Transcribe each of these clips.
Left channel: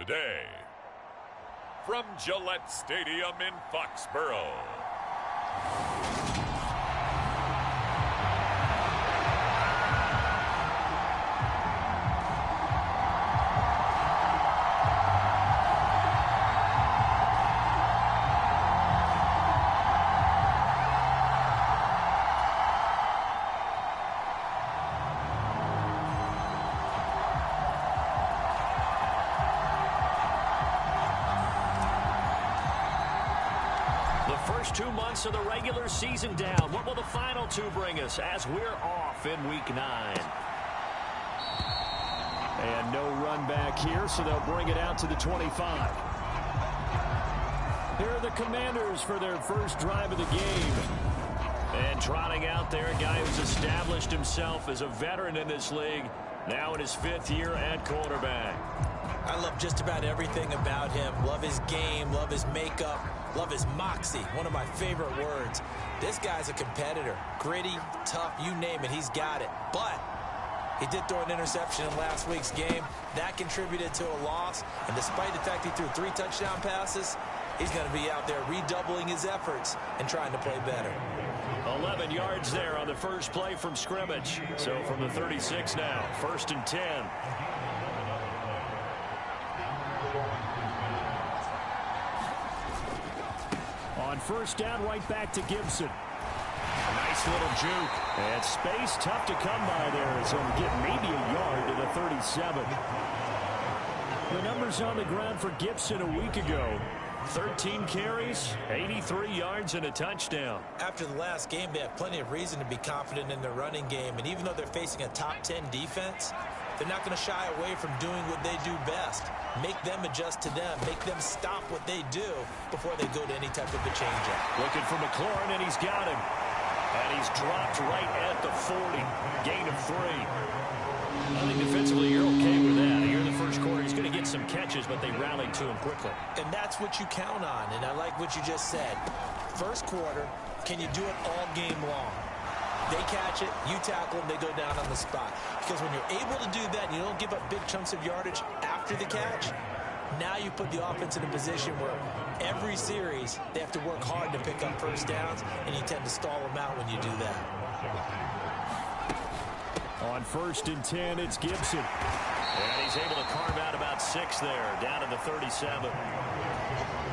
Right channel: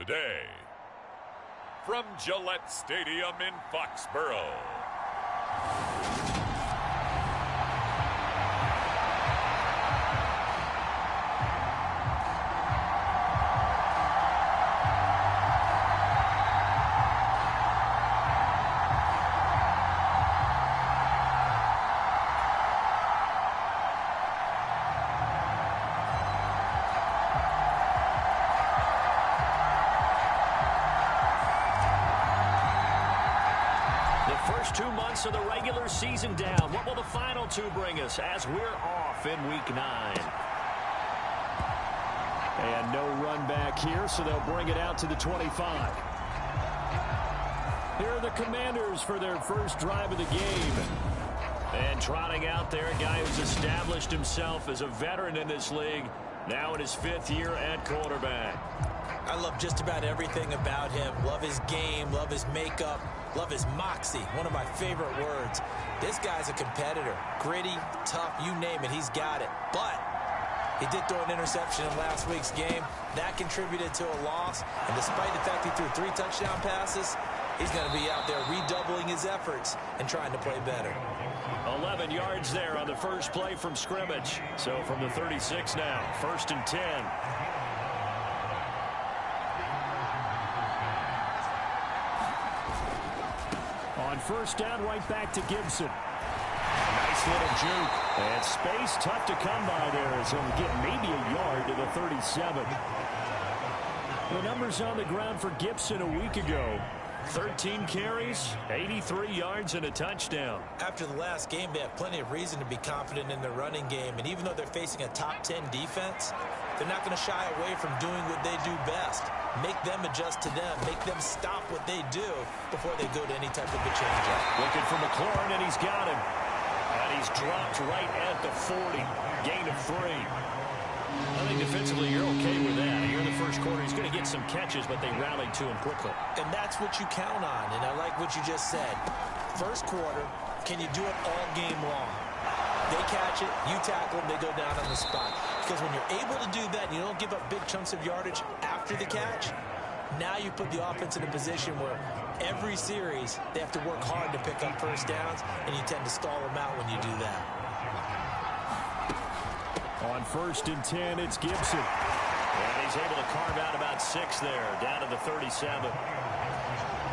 Today, from Gillette Stadium in Foxborough, first 2 months of the regular season down. What will the final two bring us as we're off in week 9? And no run back here, so they'll bring it out to the 25. Here are the Commanders for their first drive of the game. And trotting out there, a guy who's established himself as a veteran in this league, now in his 5th year at quarterback. I love just about everything about him. Love his game, love his makeup, love his moxie, one of my favorite words. This guy's a competitor. Gritty, tough, you name it, he's got it. But he did throw an interception in last week's game. That contributed to a loss. And despite the fact he threw 3 touchdown passes, he's going to be out there redoubling his efforts and trying to play better. 11 yards there on the first play from scrimmage. So from the 36 now, 1st and 10. On first down, right back to Gibson. A nice little juke. And space tough to come by there as he'll get maybe a yard to the 37. The numbers on the ground for Gibson a week ago. 13 carries, 83 yards, and a touchdown. After the last game, they have plenty of reason to be confident in their running game. And even though they're facing a top 10 defense, they're not going to shy away from doing what they do best. Make them adjust to them. Make them stop what they do before they go to any type of a changeup. Looking for McLaurin, and he's got him. And he's dropped right at the 40. Gain of 3. I think defensively you're okay with that. Here in the first quarter, he's going to get some catches, but they rallied to him quickly. And that's what you count on, and I like what you just said. First quarter, can you do it all game long? They catch it, you tackle them, they go down on the spot. Because when you're able to do that and you don't give up big chunks of yardage after the catch, now you put the offense in a position where every series they have to work hard to pick up first downs, and you tend to stall them out when you do that. On 1st and 10, it's Gibson. And he's able to carve out about 6 there, down to the 37.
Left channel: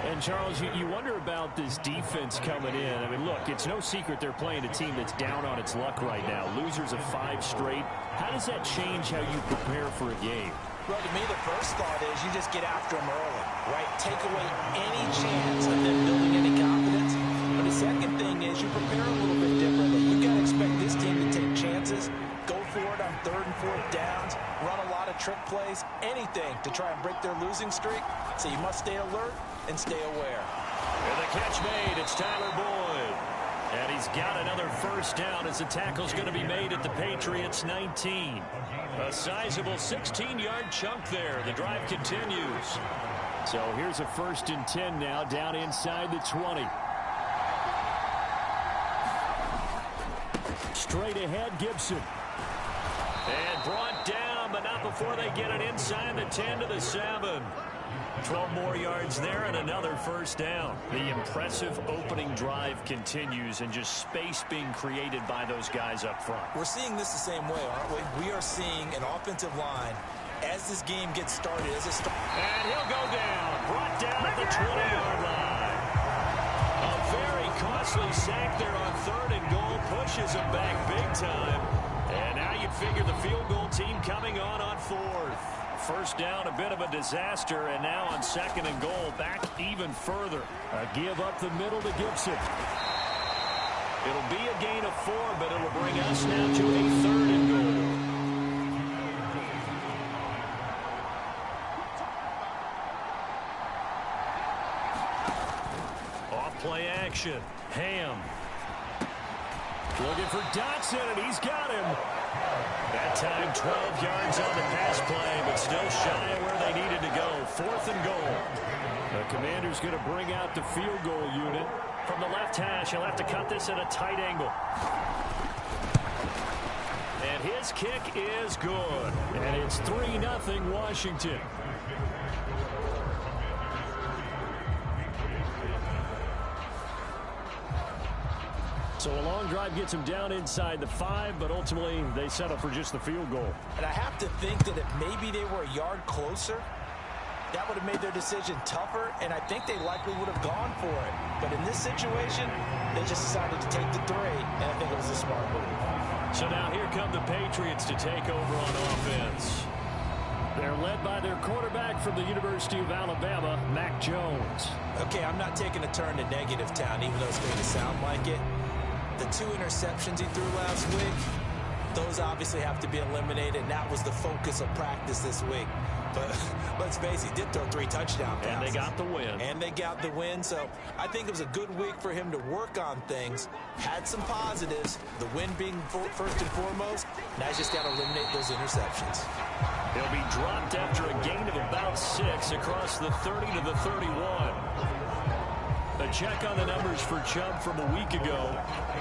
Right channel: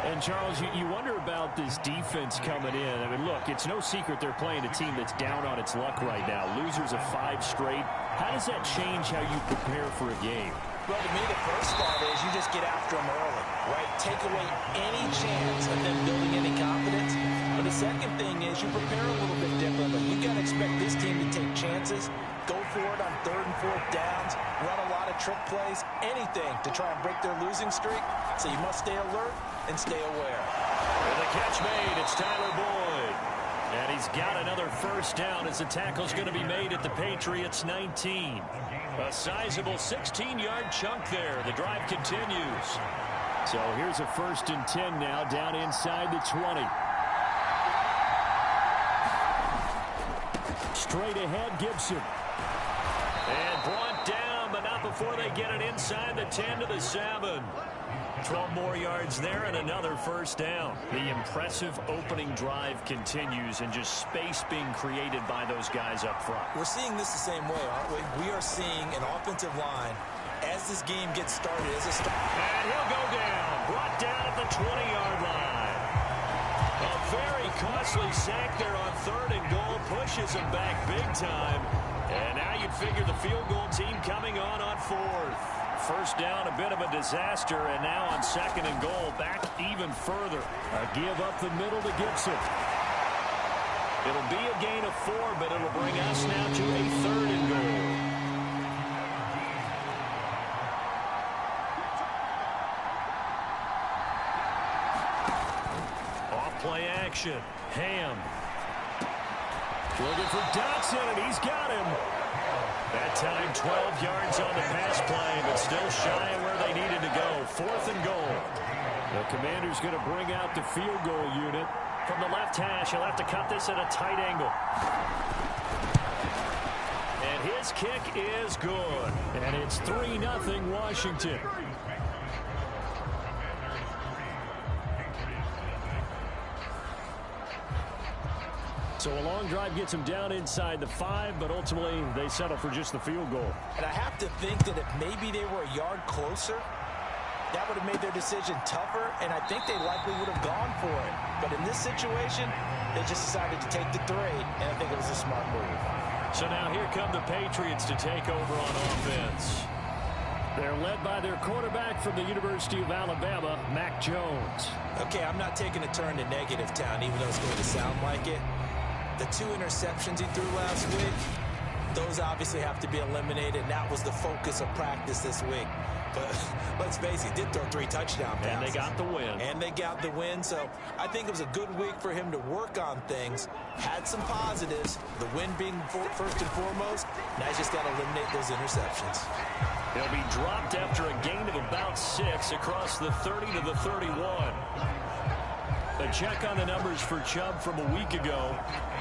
And, Charles, you wonder about this defense coming in. I mean, look, it's no secret they're playing a team that's down on its luck right now. Losers of 5 straight. How does that change how you prepare for a game? Well, to me, the first thought is you just get after them early, right? Take away any chance of them building any confidence. But the second thing is you prepare a little bit differently. You've got to expect this team to take chances, go for it on 3rd and 4th downs, run a lot of trick plays, anything to try and break their losing streak. So you must stay alert and stay aware. And the catch made, it's Tyler Boyd. And he's got another first down as the tackle's going to be made at the Patriots 19. A sizable 16-yard chunk there. The drive continues. So here's a 1st and 10 now, down inside the 20. Straight ahead, Gibson. And brought down, but not before they get it inside the 10 to the 7. 12 more yards there and another first down. The impressive opening drive continues, and just space being created by those guys up front. We're seeing this the same way, aren't we? We are seeing an offensive line as this game gets started. And he'll go down, brought down at the 20-yard line. A very costly sack there on 3rd and goal, pushes him back big time. And now you'd figure the field goal team coming on 4th. First down, a bit of a disaster, and now on 2nd and goal, back even further. A give up the middle to Gibson. It'll be a gain of 4, but it'll bring us now to a 3rd and goal. Off play action. Ham. Looking for Dotson, and he's got him. That time 12 yards on the pass play, but still shy of where they needed to go. 4th and goal. The Commander's going to bring out the field goal unit. From the left hash, he'll have to cut this at a tight angle. And his kick is good. And it's 3-0 Washington. So a long drive gets them down inside the 5, but ultimately they settle for just the field goal. And I have to think that if maybe they were a yard closer, that would have made their decision tougher, and I think they likely would have gone for it. But in this situation, they just decided to take the 3, and I think it was a smart move. So now here come the Patriots to take over on offense. They're led by their quarterback from the University of Alabama, Mac Jones. Okay, I'm not taking a turn to negative town, even though it's going to sound like it. The 2 interceptions he threw last week, those obviously have to be eliminated, and that was the focus of practice this week. But let's face it, he did throw 3 touchdown passes. And they got the win. And they got the win, so I think it was a good week for him to work on things. Had some positives, the win being first and foremost. Now he's just got to eliminate those interceptions. He'll be dropped after a gain of about 6 across the 30 to the 31. A check on the numbers for Chubb from a week ago.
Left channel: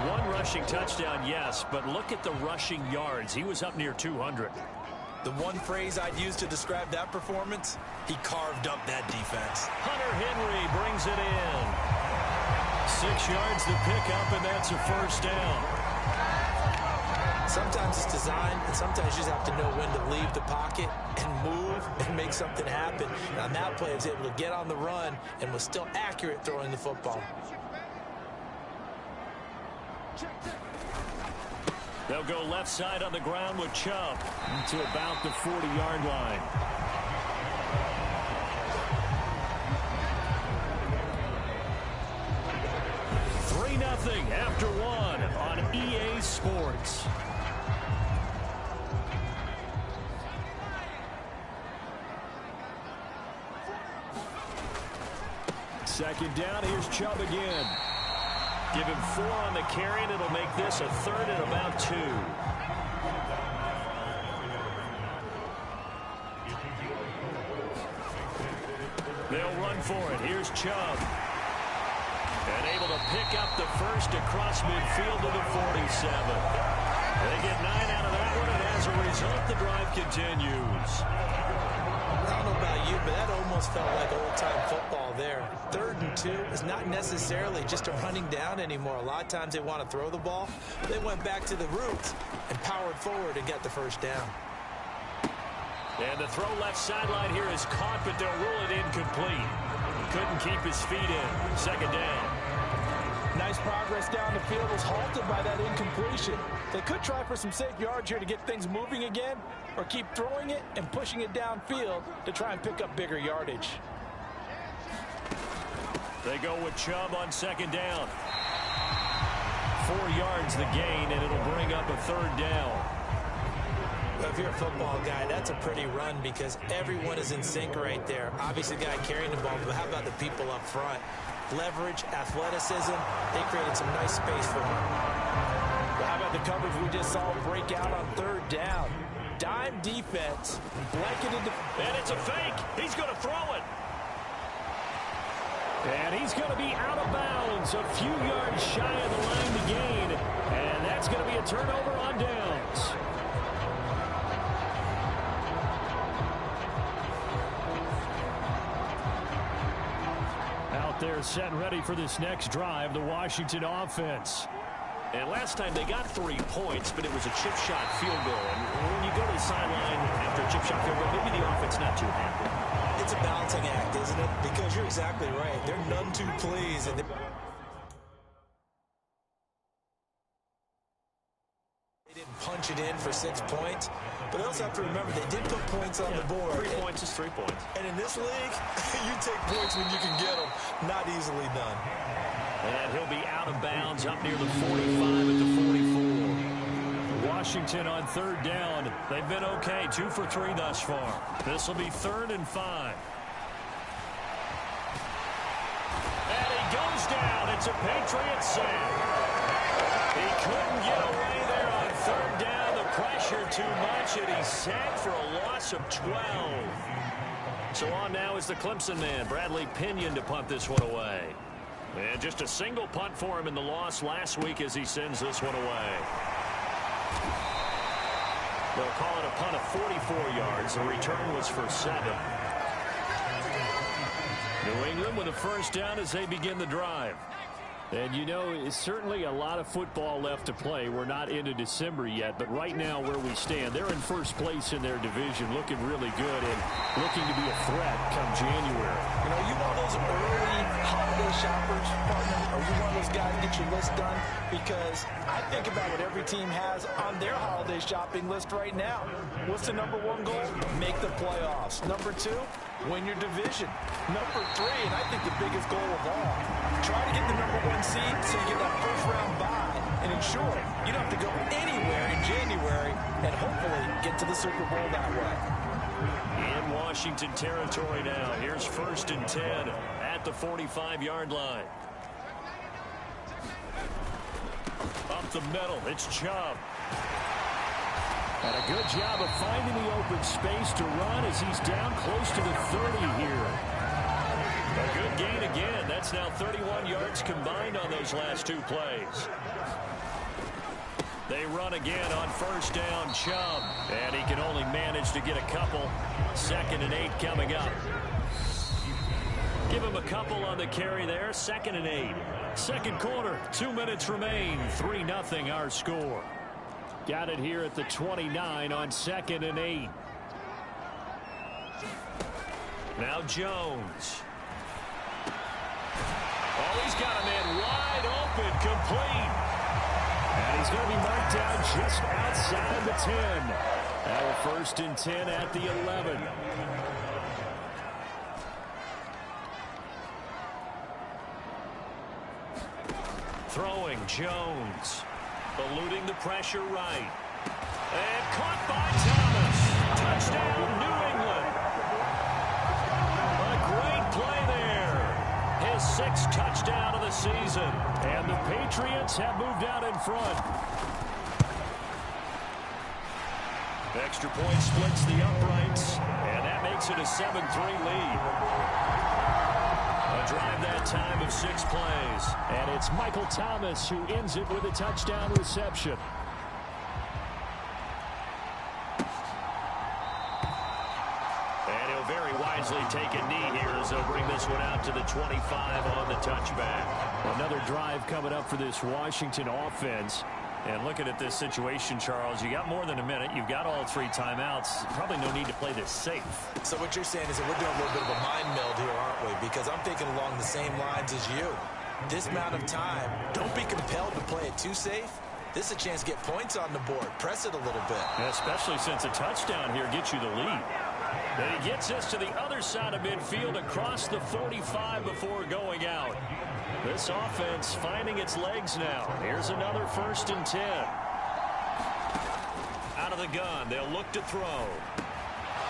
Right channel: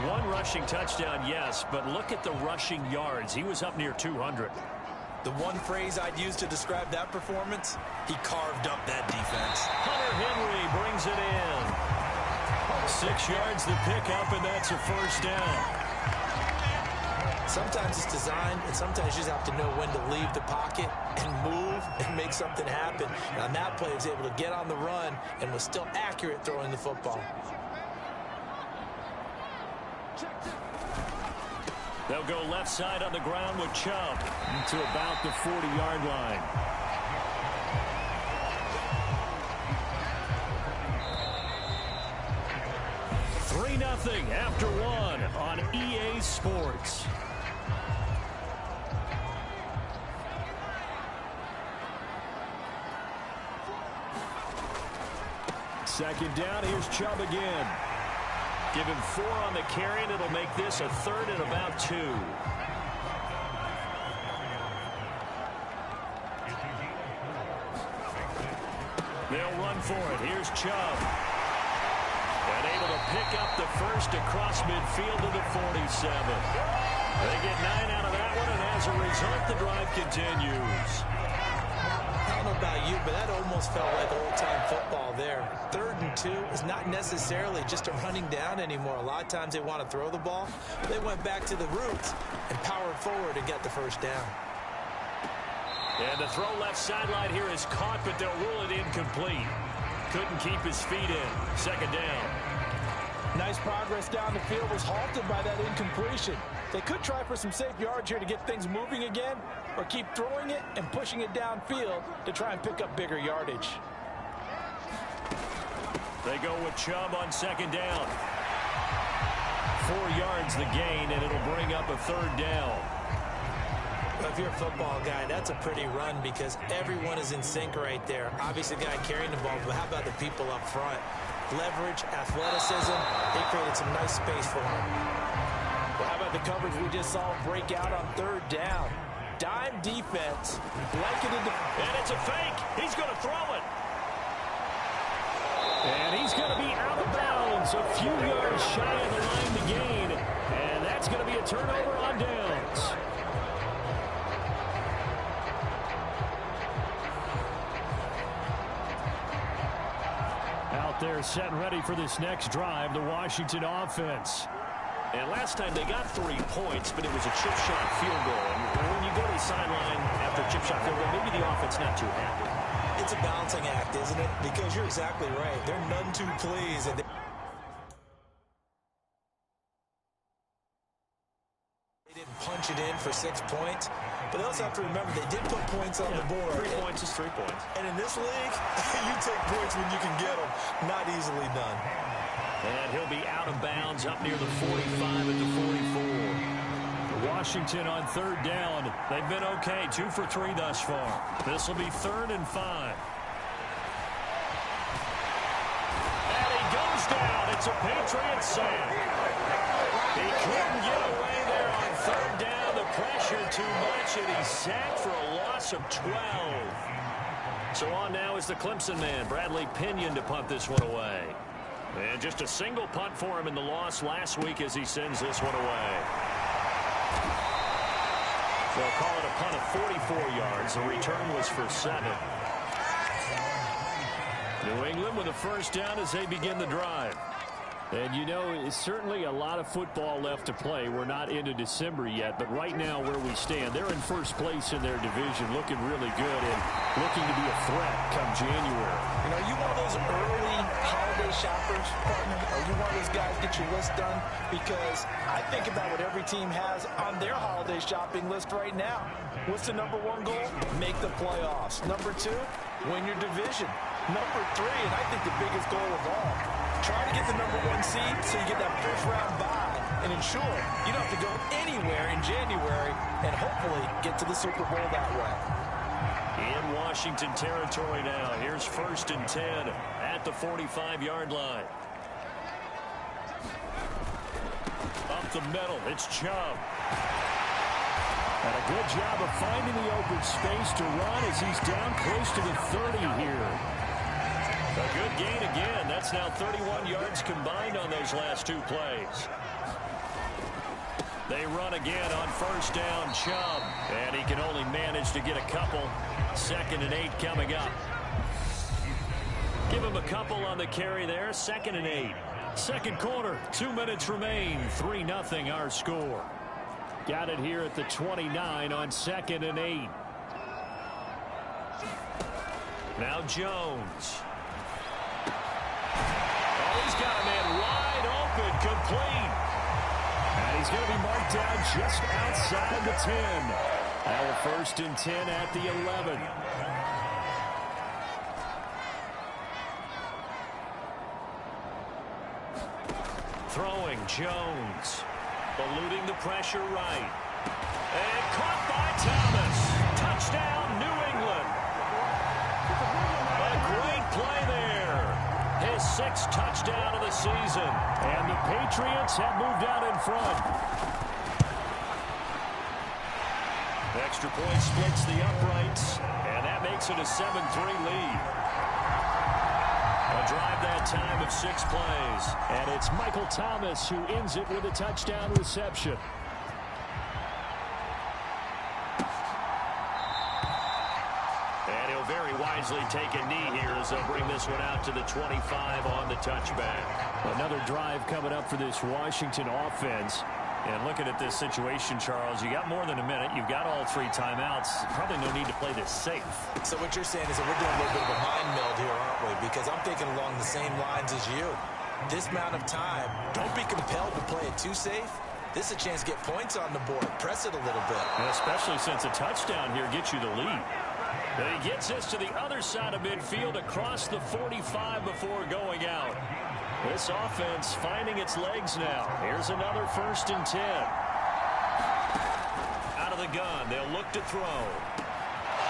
1 rushing touchdown, yes, but look at the rushing yards. He was up near 200. The one phrase I'd use to describe that performance, he carved up that defense. Hunter Henry brings it in. 6 yards to pick up, and that's a first down. Sometimes it's designed, and sometimes you just have to know when to leave the pocket and move and make something happen. And on that play, he was able to get on the run and was still accurate throwing the football. They'll go left side on the ground with Chubb to about the 40-yard line. Three 3-0 after 1 on EA Sports. Second down, here's Chubb again. Give him 4 on the carry, and it'll make this a 3rd and about 2. They'll run for it. Here's Chubb. And able to pick up the first across midfield to the 47. They get 9 out of that one, and as a result, the drive continues. I don't know about you, but that almost felt like old-time football there. 3rd and 2 is not necessarily just a running down anymore. A lot of times they want to throw the ball. They went back to the roots and powered forward and got the first down. And the throw left sideline here is caught, but they'll rule it incomplete. Couldn't keep his feet in. Second down. Nice progress down the field was halted by that incompletion. They could try for some safe yards here to get things moving again, or keep throwing it and pushing it downfield to try and pick up bigger yardage. They go with Chubb on second down. 4 yards the gain, and it'll bring up a 3rd down. Well, if you're a football guy, that's a pretty run because everyone is in sync right there. Obviously, the guy carrying the ball, but how about the people up front? Leverage, athleticism, they created some nice space for him. Well, how about the coverage we just saw break out on 3rd down? Dime defense, blanketed. And it's a fake. He's going to throw it. And he's going to be out of bounds, a few yards shy of the line to gain. And that's going to be a turnover on downs. Out there set and ready for this next drive, the Washington offense. And last time they got 3 points, but it was a chip shot field goal. And when you go to the sideline after a chip shot field goal, maybe the offense not too happy. It's a balancing act, isn't it? Because you're exactly right. They're none too pleased. And they didn't punch it in for 6 points. But they also have to remember they did put points on the board. 3 points is 3 points. And in this league, you take points when you can get them. Not easily done. And he'll be out of bounds up near the 45 at the 44. Washington on 3rd down. They've been okay, 2 for 3 thus far. This will be 3rd and 5. And he goes down. It's a Patriots sack. He couldn't get away there on 3rd down. The pressure too much, and he's sacked for a loss of 12. So on now is the Clemson man, Bradley Pinion, to punt this one away. And just a single punt for him in the loss last week as he sends this one away. They'll call it a punt of 44 yards. The return was for 7. New England with a first down as they begin the drive. And you know, it's certainly a lot of football left to play. We're not into December yet, but right now where we stand, they're in first place in their division, looking really good and looking to be a threat come January. You know, are you one of those early holiday shoppers, partner? Are you one of those guys get your list done? Because I think about what every team has on their holiday shopping list right now. What's the number one goal? Make the playoffs. Number two, win your division. Number three, and I think the biggest goal of all, try to get the number one seed so you get that first round bye and ensure you don't have to go anywhere in January and hopefully get to the Super Bowl that way. In Washington territory now. Here's 1st and 10 at the 45-yard line. Up the middle, it's Chubb. And a good job of finding the open space to run as he's down close to the 30 here. A good gain again. That's now 31 yards combined on those last two plays. They run again on 1st down, Chubb. And he can only manage to get a couple. 2nd and 8 coming up. Give him a couple on the carry there. 2nd and 8. Second quarter, 2 minutes remain. 3-0 our score. Got it here at the 29 on 2nd and 8. Now Jones. Oh, he's got a man wide open, complete. And he's going to be marked down just outside the 10. Now a 1st and 10 at the 11. Throwing Jones. Eluding the pressure right. And caught by Thomas. Touchdown, New England. A great play there. His 6th touchdown of the season. And the Patriots have moved out in front. Extra point splits the uprights. And that makes it a 7-3 lead. A drive that time of 6 plays. And it's Michael Thomas who ends it with a touchdown reception. And he'll very wisely take a knee here as they'll bring this one out to the 25 on the touchback. Another drive coming up for this Washington offense. And looking at this situation, Charles, you got more than a minute. You've got all 3 timeouts. Probably no need to play this safe. So what you're saying is that we're doing a little bit of a mind meld here, aren't we? Because I'm thinking along the same lines as you. This amount of time, don't be compelled to play it too safe. This is a chance to get points on the board. Press it a little bit. And especially since a touchdown here gets you the lead. And he gets this to the other side of midfield across the 45 before going out. This offense finding its legs now. Here's another 1st and 10. Out of the gun. They'll look to throw.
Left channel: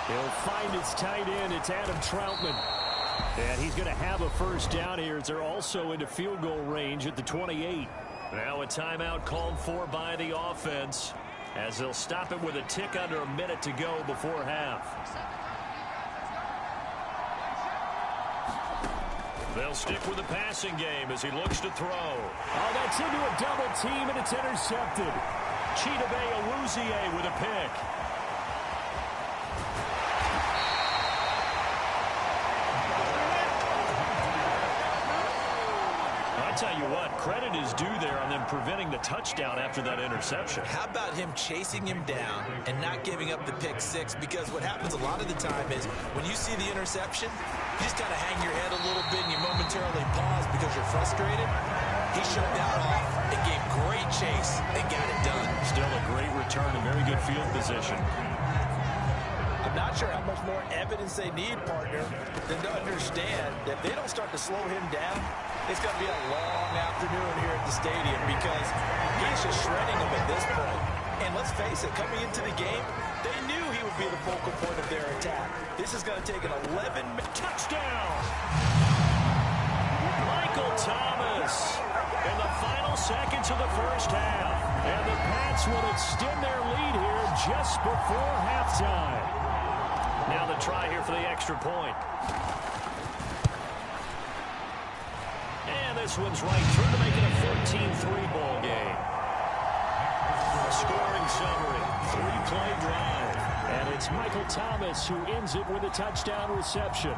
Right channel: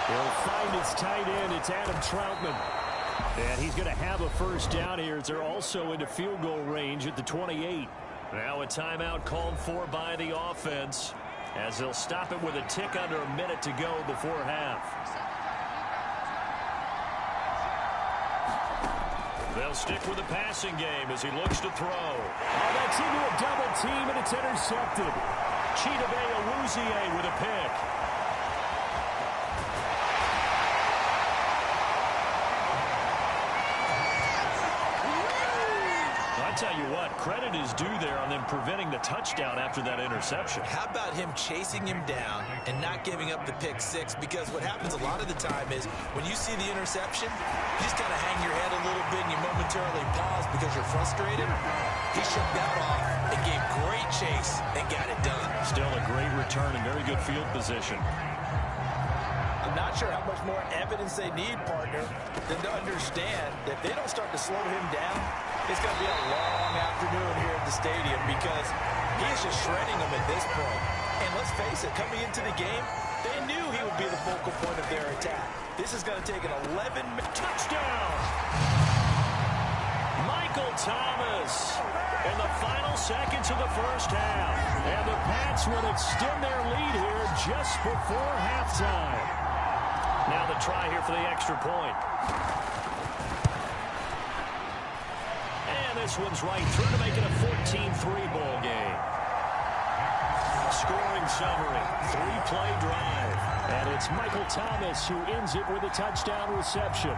He'll find its tight end. It's Adam Troutman. And he's going to have a 1st down here as they're also into field goal range at the 28. Now a timeout called for by the offense as they'll stop it with a tick under a minute to go before half. They'll stick with the passing game as he looks to throw. Oh, that's into a double team, and it's intercepted. Chidobe Awuzie with a pick. I tell you what, credit is due there on them preventing the touchdown after that interception. How about him chasing him down and not giving up the pick 6? Because what happens a lot of the time is when you see the interception, you just kind of hang your head a little bit and you momentarily pause because you're frustrated. He shook that off and gave great chase and got it done. Still a great return and very good field position. I'm not sure how much more evidence they need, partner, than to understand that if they don't start to slow him down, it's going to be a long afternoon here at the stadium because he's just shredding them at this point. And let's face it, coming into the game, they knew he would be the focal point of their attack. This is going to take an 11-minute touchdown. Michael Thomas in the final seconds of the first half. And the Pats will extend their lead here just before halftime. Now the try here for the extra point. And this one's right through to make it a 14-3 ball game. Scoring summary, 3-play drive. And it's Michael Thomas who ends it with a touchdown reception.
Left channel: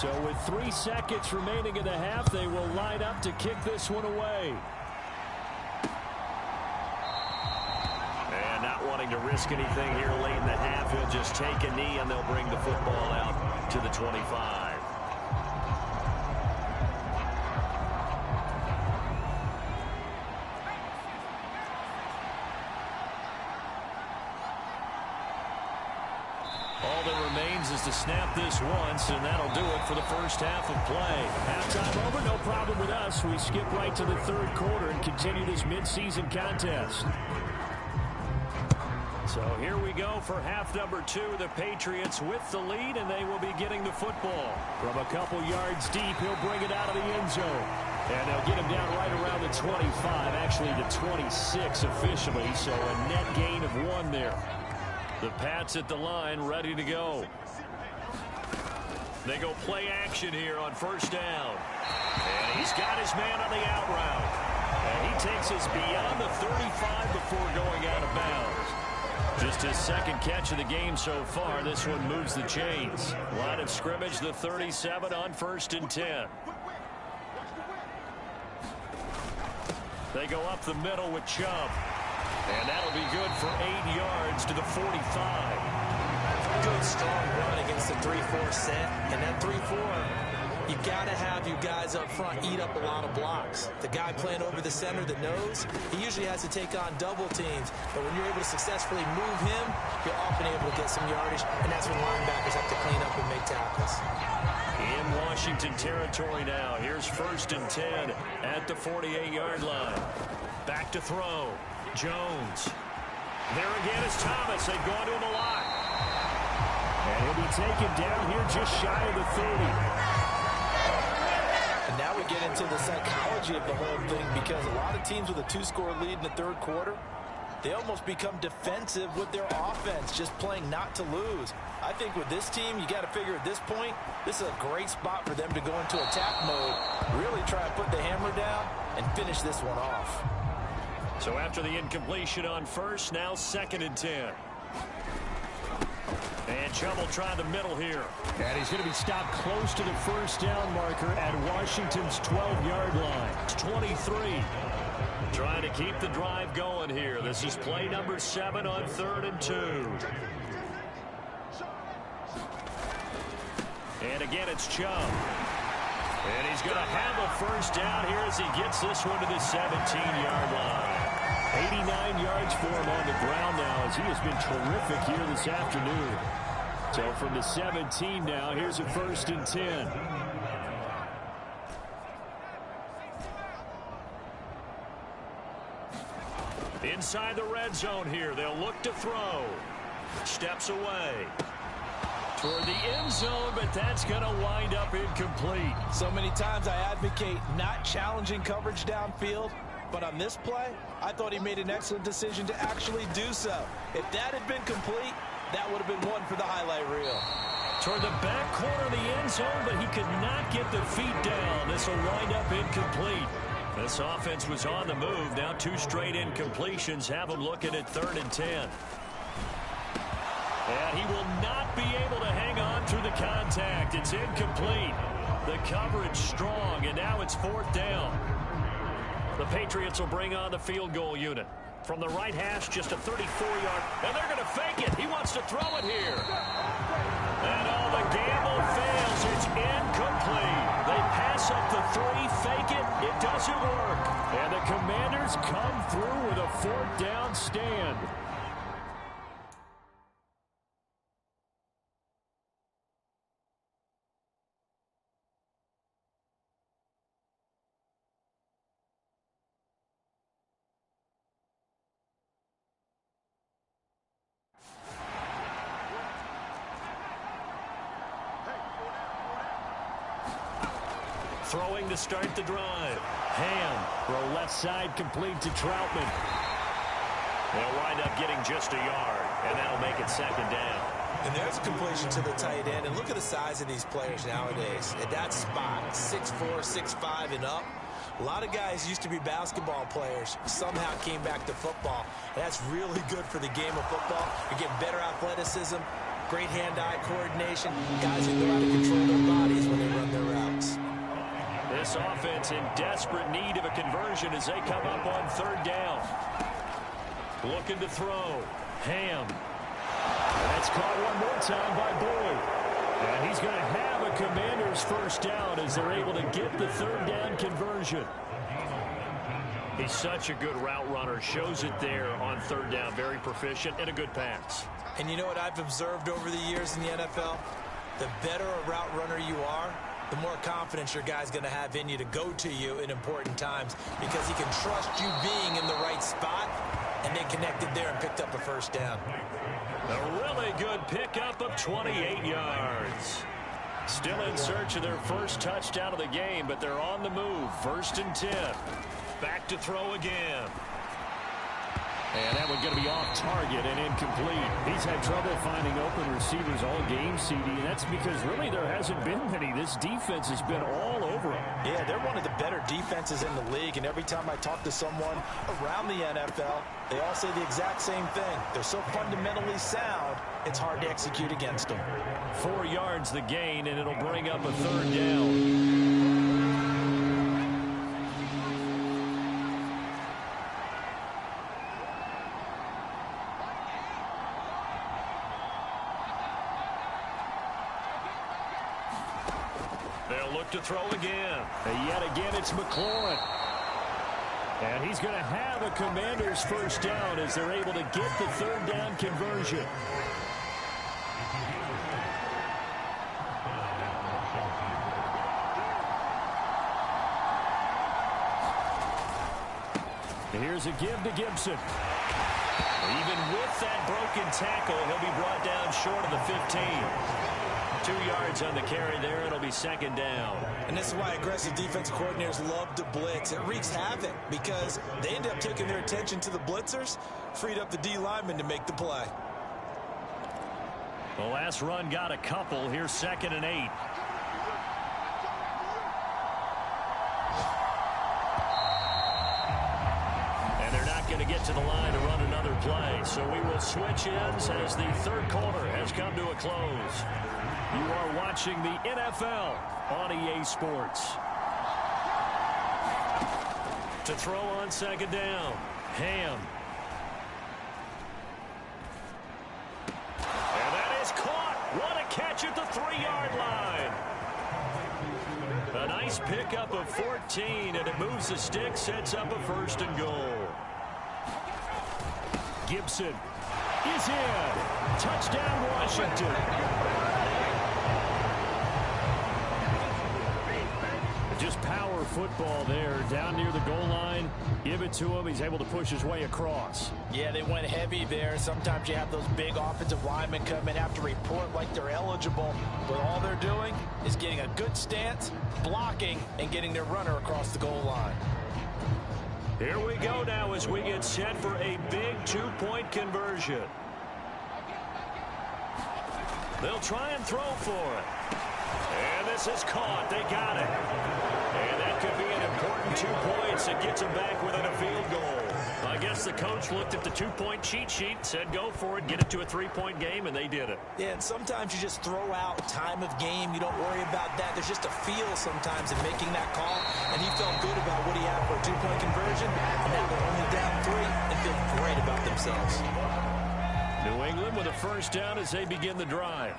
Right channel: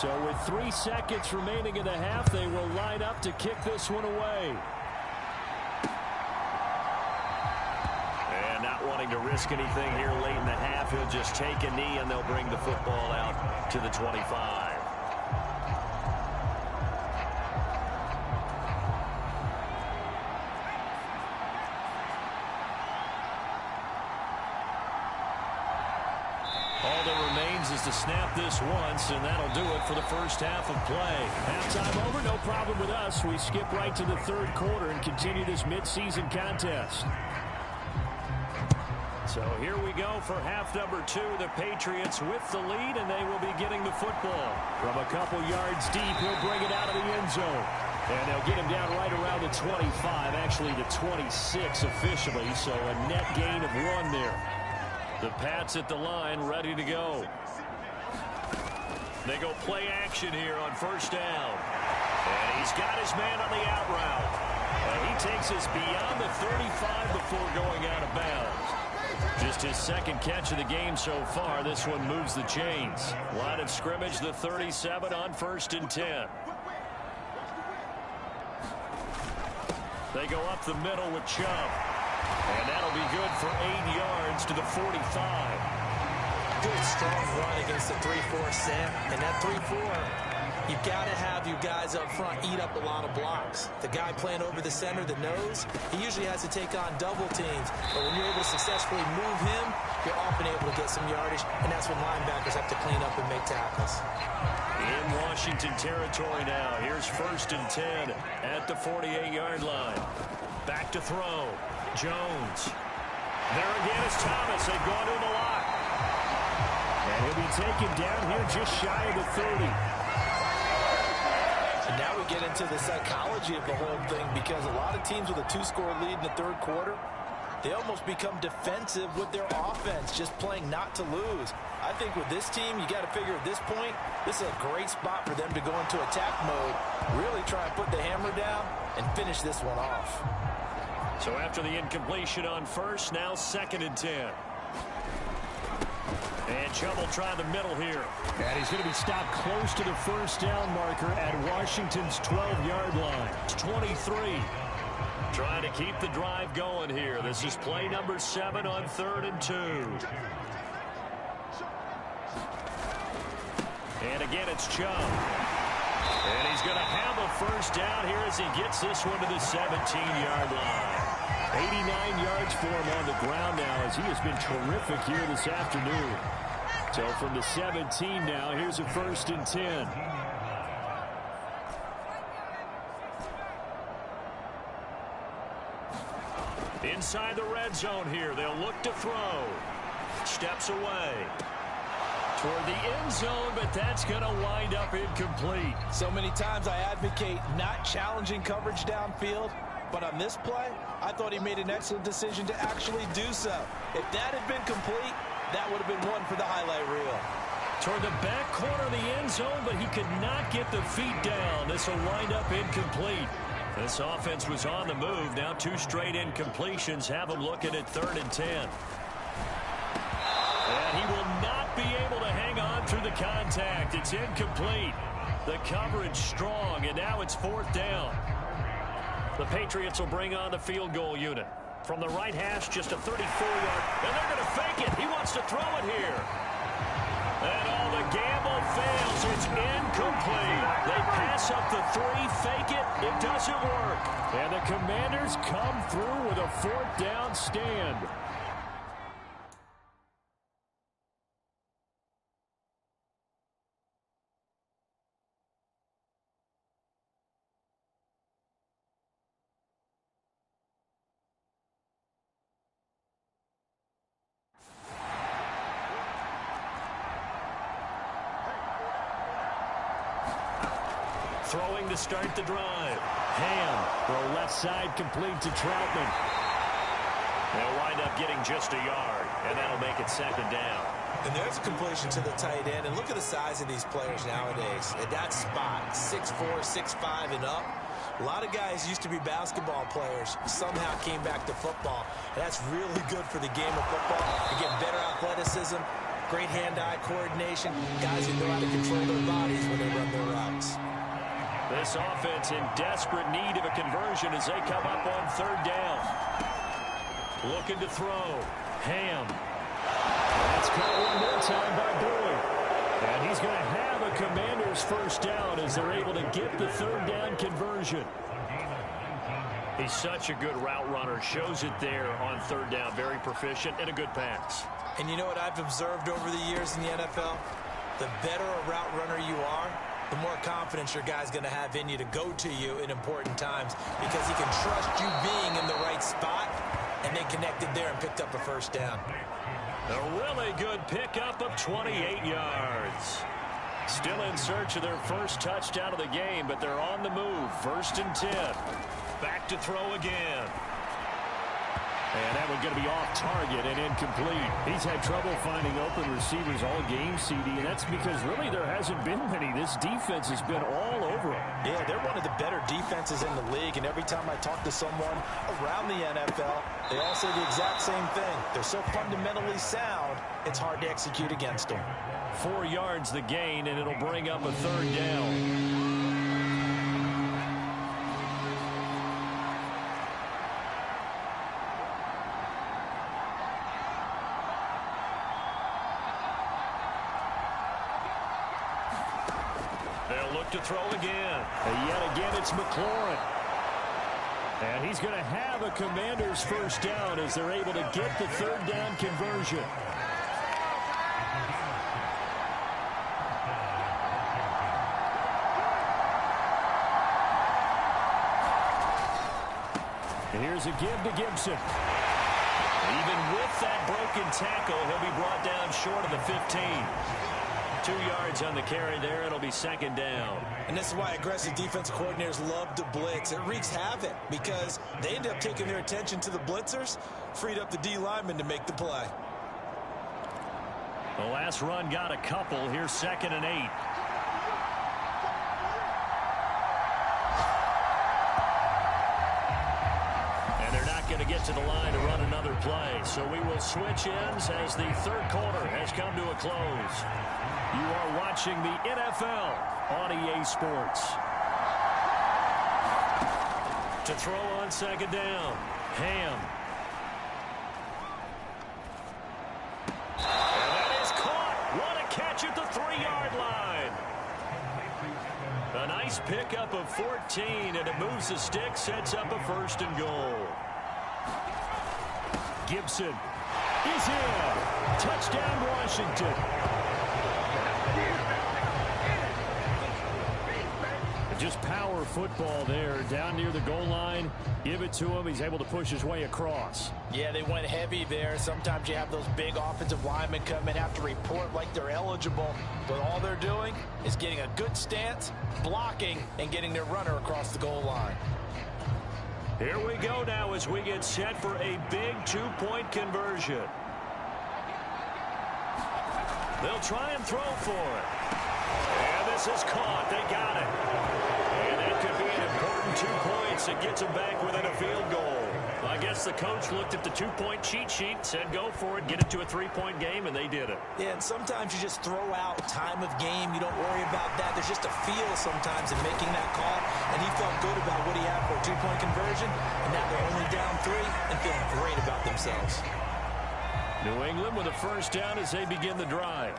So with 3 seconds remaining in the half, they will line up to kick this one away. And not wanting to risk anything here late in the half, he'll just take a knee and they'll bring the football out to the 25. All that remains is to snap this once, and that'll do it for the first half of play. Halftime over, no problem with us. We skip right to the third quarter and continue this midseason contest. So here we go for half number 2. The Patriots with the lead, and they will be getting the football. From a couple yards deep, he'll bring it out of the end zone. And they'll get him down right around the 25, actually the 26 officially, so a net gain of 1 there. The Pats at the line, ready to go. They go play action here on first down. And he's got his man on the out route. And he takes us beyond the 35 before going out of bounds. Just his second catch of the game so far. This one moves the chains. Line of scrimmage, the 37 on 1st and 10. They go up the middle with Chubb. And that'll be good for 8 yards to the 45. Good, strong run against the 3-4 set. And that 3-4, you've got to have you guys up front eat up a lot of blocks. The guy playing over the center, the nose, he usually has to take on double teams. But when you're able to successfully move him, you're often able to get some yardage. And that's when linebackers have to clean up and make tackles. In Washington territory now. Here's 1st and 10 at the 48-yard line. Back to throw. Jones. There again is Thomas. They've gone to him a lot. And he'll be taken down here just shy of the 30. And now we get into the psychology of the whole thing, because a lot of teams with a 2-score lead in the third quarter, they almost become defensive with their offense, just playing not to lose. I think with this team, you got to figure at this point, this is a great spot for them to go into attack mode, really try and put the hammer down and finish this one off. So after the incompletion on first, now 2nd and 10. And Chubb will try the middle here. And he's going to be stopped close to the first down marker at Washington's 12-yard line. It's 23. Trying to keep the drive going here. This is play number 7 on 3rd and 2. And again, it's Chubb. And he's going to have a first down here as he gets this one to the 17-yard line. 89 yards for him on the ground now, as he has been terrific here this afternoon. So from the 17 now, here's a 1st and 10. Inside the red zone here. They'll look to throw. Steps away toward the end zone, but that's going to wind up incomplete. So many times I advocate not challenging coverage downfield, but on this play, I thought he made an excellent decision to actually do so. If that had been complete, that would have been one for the highlight reel. Toward the back corner of the end zone, but he could not get the feet down. This will wind up incomplete. This offense was on the move. Now 2 straight incompletions have him looking at 3rd and 10. And he will not be able to hang on through the contact. It's incomplete. The coverage strong, and now it's 4th down. The Patriots will bring on the field goal unit. From the right hash, just a 34-yard. And they're going to fake it. He wants to throw it here. And all the gamble fails. It's incomplete. They pass up the 3, fake it. It doesn't work. And the Commanders come through with a 4th down stand. Throwing to start the drive. Ham, throw left side, complete to Troutman. They'll wind up getting just a yard, and that'll make it 2nd down. And there's a completion to the tight end. And look at the size of these players nowadays. At that spot, 6'4", 6'5", and up. A lot of guys used to be basketball players, somehow came back to football. And that's really good for the game of football. You're getting better athleticism, Great hand-eye coordination. Guys who know how to control their bodies when they run their routes. This offense in desperate need of a conversion as they come up on third down. Looking to throw. Ham. That's caught one more time by Boyd. And he's going to have a Commander's first down as they're able to get the third down conversion. He's such a good route runner. Shows it there on third down. Very proficient and a good pass. And you know what I've observed over the years in the NFL? The better a route runner you are, the more confidence your guy's going to have in you to go to you in important times because he can trust you being in the right spot, and they connected there and picked up a first down. A really good pickup of 28 yards. Still in search of their first touchdown of the game, but they're on the move. 1st and 10. Back to throw again. And that one's going to be off target and incomplete. He's had trouble finding open receivers all game, CD, and that's because really there hasn't been many. This defense has been all over him. Yeah, they're one of the better defenses in the league, and every time I talk to someone around the NFL, they all say the exact same thing. They're so fundamentally sound, it's hard to execute against them. 4 yards the gain, and it'll bring up a third down. They'll look to throw again. And yet again, it's McLaurin. And he's going to have a Commander's first down as they're able to get the third down conversion. And here's a give to Gibson. Even with that broken tackle, he'll be brought down short of the 15. 2 yards on the carry there. It'll be 2nd down. And this is why aggressive defensive coordinators love to blitz. It wreaks havoc because they end up taking their attention to the blitzers, freed up the D lineman to make the play. The last run got a couple. Here's 2nd and 8. And they're not going to get to the line to run another play. So we will switch ends as the third quarter has come to a close. You are watching the NFL on EA Sports. To throw on 2nd down. Ham. And that is caught. What a catch at the 3-yard line. A nice pickup of 14, and it moves the stick, sets up a 1st and goal. Gibson is in. Touchdown, Washington. Just power football there down near the goal line. Give it to him. He's able to push his way across. Yeah, they went heavy there. Sometimes you have those big offensive linemen come in, have to report like they're eligible. But all they're doing is getting a good stance, blocking, and getting their runner across the goal line. Here we go now as we get set for a big 2-point conversion. They'll try and throw for it. And this is caught. They got it. And that could be an important 2 points that gets them back within a field goal. I guess the coach looked at the 2-point cheat sheet, said go for it, get it to a 3-point game, and they did it. Yeah, and sometimes you just throw out time of game. You don't worry about that. There's just a feel sometimes in making that call, and he felt good about what he had for a 2-point conversion, and now they're only down 3 and feeling great about themselves. New England with a first down as they begin the drive.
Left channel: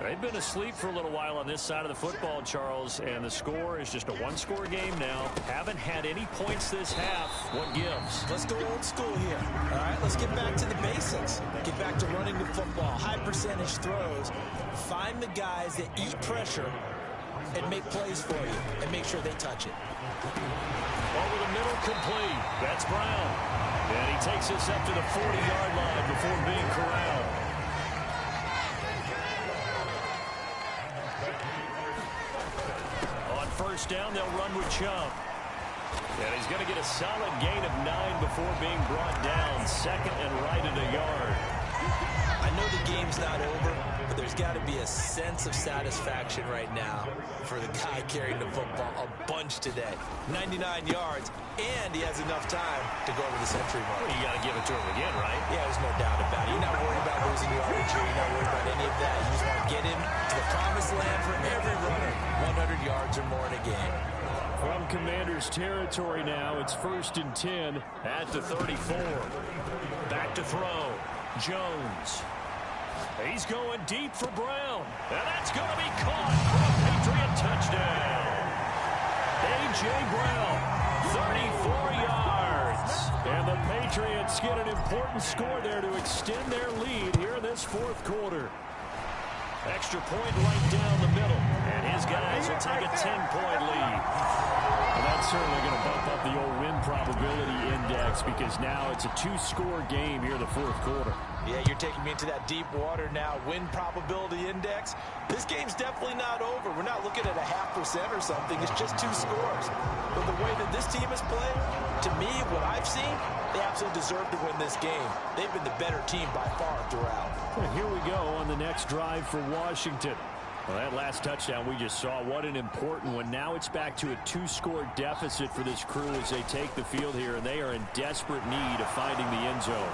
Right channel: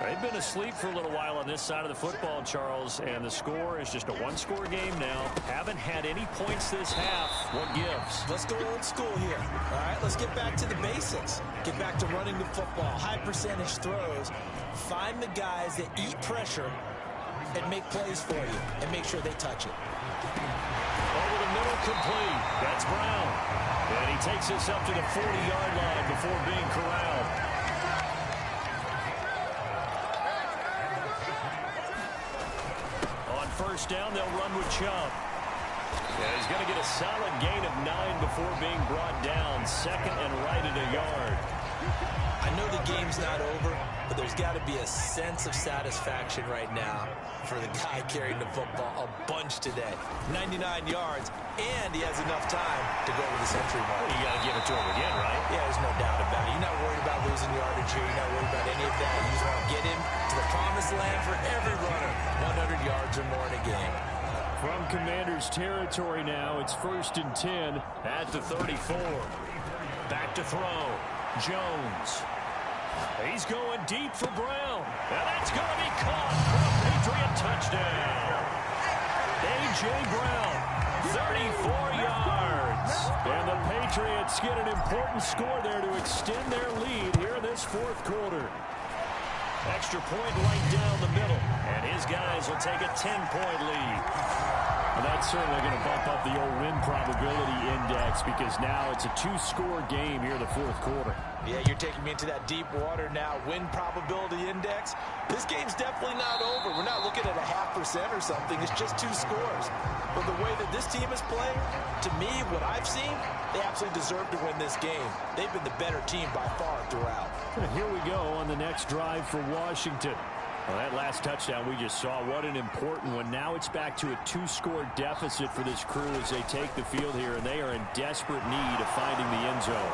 They've been asleep for a little while on this side of the football, Charles, and the score is just a 1-score game now. Haven't had any points this half. What gives? Let's go old school here. All right, let's get back to the basics. Get back to running the football, high percentage throws. Find the guys that eat pressure and make plays for you and make sure they touch it. Over the middle, complete. That's Brown. And he takes us up to the 40-yard line before being corralled. On first down, they'll run with Chubb. And he's going to get a solid gain of 9 before being brought down. 2nd and right at a yard. I know know the game's not over, but there's got to be a sense of satisfaction right now for the guy carrying the football a bunch today. 99 yards, and he has enough time to go over the century mark. Well, you got to give it to him again, right? Yeah, there's no doubt about it. You're not worried about losing yardage here. You're not worried about any of that. You just want to get him to the promised land for every runner. 100 yards or more in a game. From Commanders territory now, it's 1st and 10 at the 34. Back to throw. Jones. He's going deep for Brown. And that's going to be caught for a Patriot touchdown. A.J. Brown, 34 yards. And the Patriots get an important score there to extend their lead here in this 4th quarter. Extra point right down the middle. And his guys will take a 10-point lead. Well, that's certainly going to bump up the old win probability index because now it's a 2-score game here in the 4th quarter. Yeah, you're taking me into that deep water now. Win probability index. This game's definitely not over. We're not looking at a 0.5% or something. It's just 2 scores. But the way that this team is playing, to me, what I've seen, they absolutely deserve to win this game. They've been the better team by far throughout. Well, here we go on the next drive for Washington. Well, that last touchdown we just saw, what an important one. Now it's back to a 2-score deficit for this crew as they take the field here, and they are in desperate need of finding the end zone.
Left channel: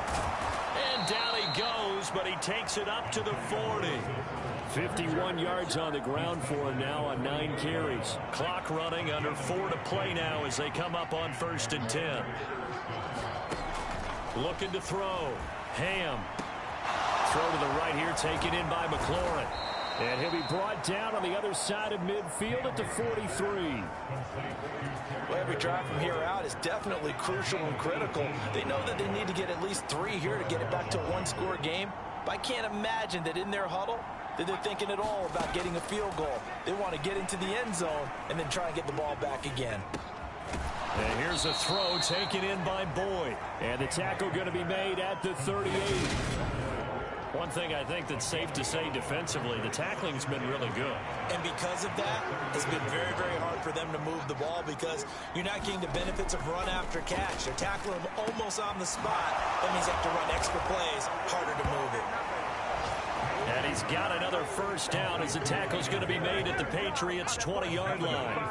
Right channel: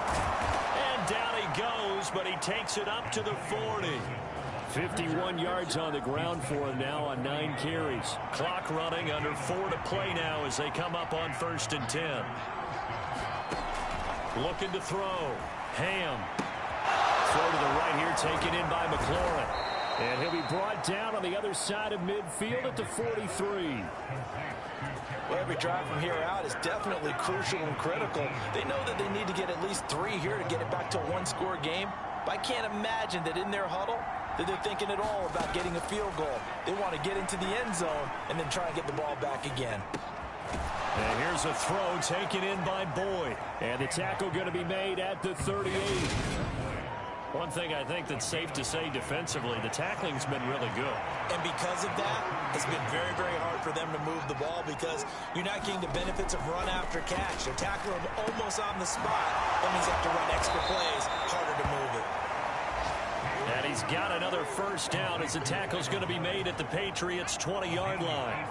And down he goes, but he takes it up to the 40. 51 yards on the ground for him now on 9 carries. Clock running, under 4 to play now as they come up on 1st and 10. Looking to throw. Ham. Throw to the right here, taken in by McLaurin. And he'll be brought down on the other side of midfield at the 43. Well, every drive from here out is definitely crucial and critical. They know that they need to get at least 3 here to get it back to a 1-score game. But I can't imagine that in their huddle that they're thinking at all about getting a field goal. They want to get into the end zone and then try and get the ball back again. And here's a throw taken in by Boyd. And the tackle going to be made at the 38. One thing I think that's safe to say defensively, the tackling's been really good. And because of that, it's been very, very hard for them to move the ball because you're not getting the benefits of run after catch. They're tackling them almost on the spot. That means you have to run extra plays, harder to move it. And he's got another 1st down as the tackle's going to be made at the Patriots' 20-yard line.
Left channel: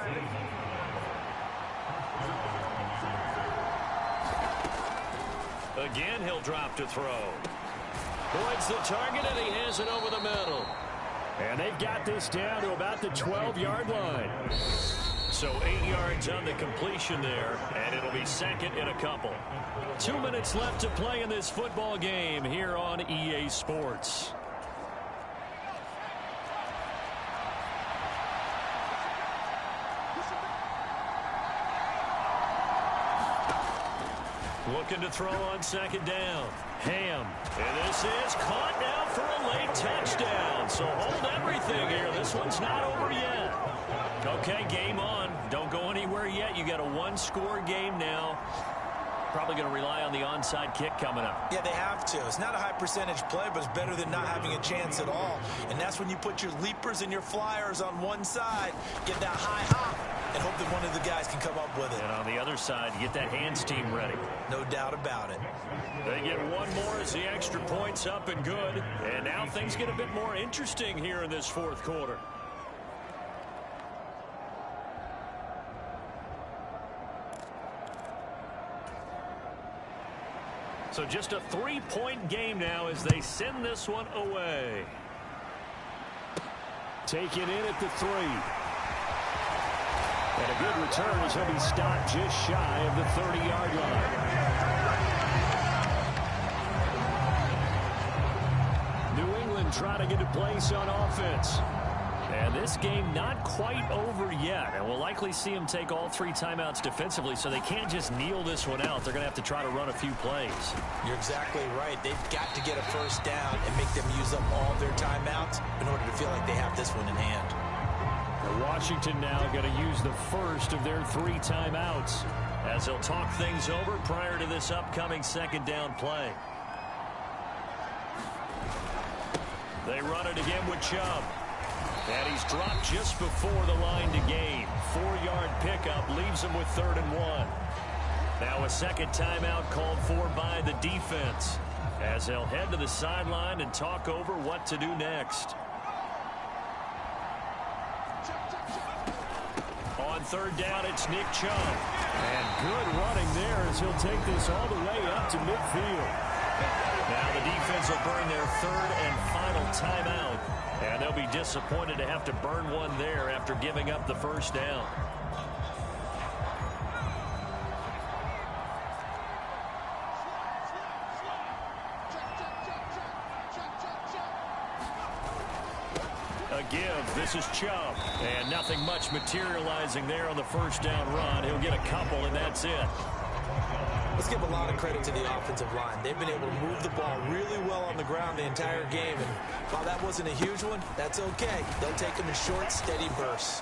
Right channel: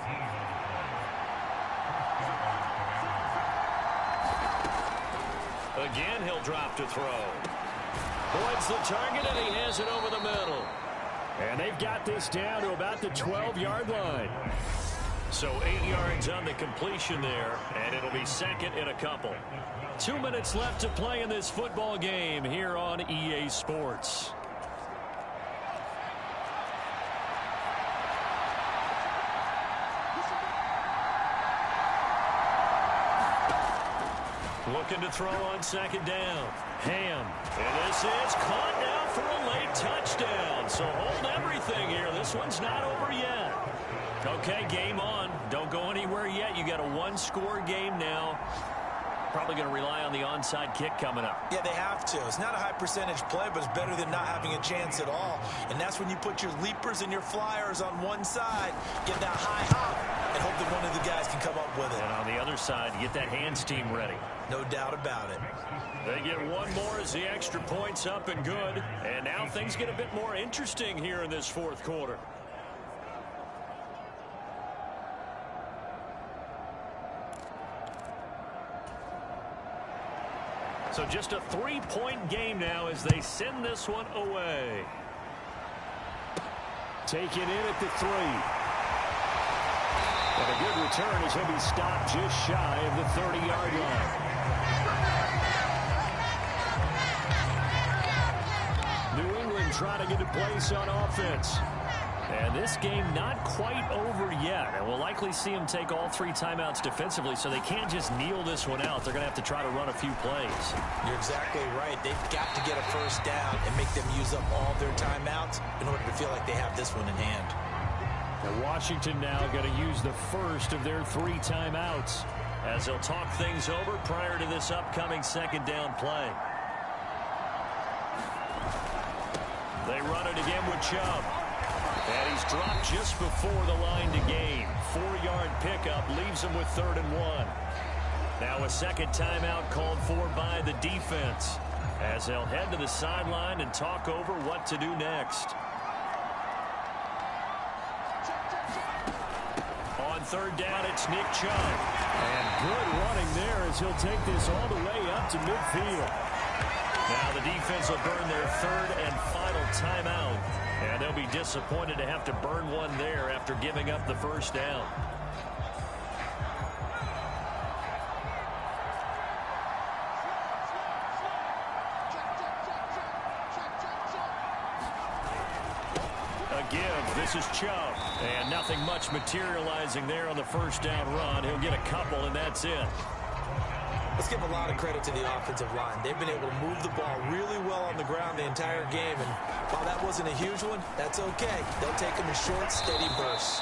Again, he'll drop to throw. Boyd's the target, and he has it over the middle. And they've got this down to about the 12-yard line. So 8 yards on the completion there, and it'll be 2nd and a couple. 2 minutes left to play in this football game here on EA Sports. Looking to throw on 2nd down. Ham. And this is caught now for a late touchdown. So hold everything here. This one's not over yet. Okay, game on. Don't go anywhere yet. You got a 1-score game now. Probably going to rely on the onside kick coming up. Yeah, they have to. It's not a high percentage play, but it's better than not having a chance at all. And that's when you put your leapers and your flyers on one side, get that high hop, and hope that one of the guys can come up with it. And on the other side, you get that hands team ready. No doubt about it. They get one more as the extra point's up and good. And now things get a bit more interesting here in this 4th quarter. So just a 3-point game now as they send this one away. Take it in at the 3. And a good return as he'll be stopped just shy of the 30-yard line. New England trying to get a place on offense. And this game not quite over yet. And we'll likely see them take all 3 timeouts defensively, so they can't just kneel this one out. They're going to have to try to run a few plays. You're exactly right. They've got to get a 1st down and make them use up all their timeouts in order to feel like they have this one in hand. And Washington now going to use the 1st of their 3 timeouts as they'll talk things over prior to this upcoming 2nd down play. They run it again with Chubb. And he's dropped just before the line to gain. 4-yard pickup leaves him with 3rd and 1. Now a 2nd timeout called for by the defense. as they'll head to the sideline and talk over what to do next. On third down, it's Nick Chubb. And good running there as he'll take this all the way up to midfield. Now the defense will burn their third and final timeout. And they'll be disappointed to have to burn one there after giving up the first down. A give. This is Chubb. And nothing much materializing there on the first down run. He'll get a couple, and that's it. Let's give a lot of credit to the offensive line. They've been able to move the ball really well on the ground the entire game. And while that wasn't a huge one, that's okay. They'll take them in short, steady bursts.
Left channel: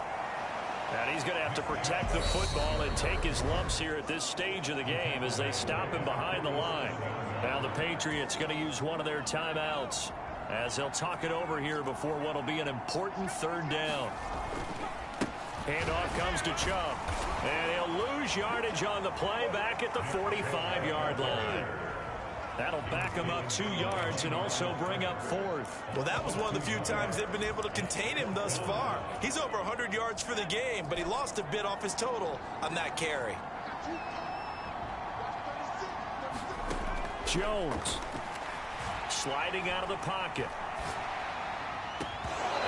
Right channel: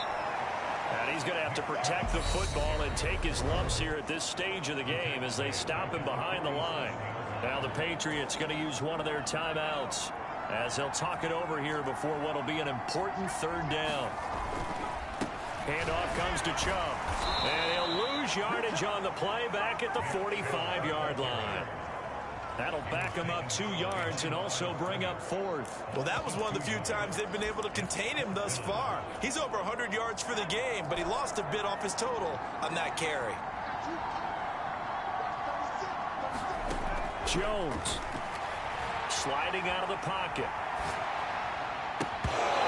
And he's going to have to protect the football and take his lumps here at this stage of the game as they stop him behind the line. Now the Patriots going to use one of their timeouts as they'll talk it over here before what will be an important third down. Handoff comes to Chubb. And he'll lose yardage on the play back at the 45-yard line. That'll back him up 2 yards and also bring up fourth. Well, that was one of the few times they've been able to contain him thus far. He's over 100 yards for the game, but he lost a bit off his total on that carry. Jones sliding out of the pocket.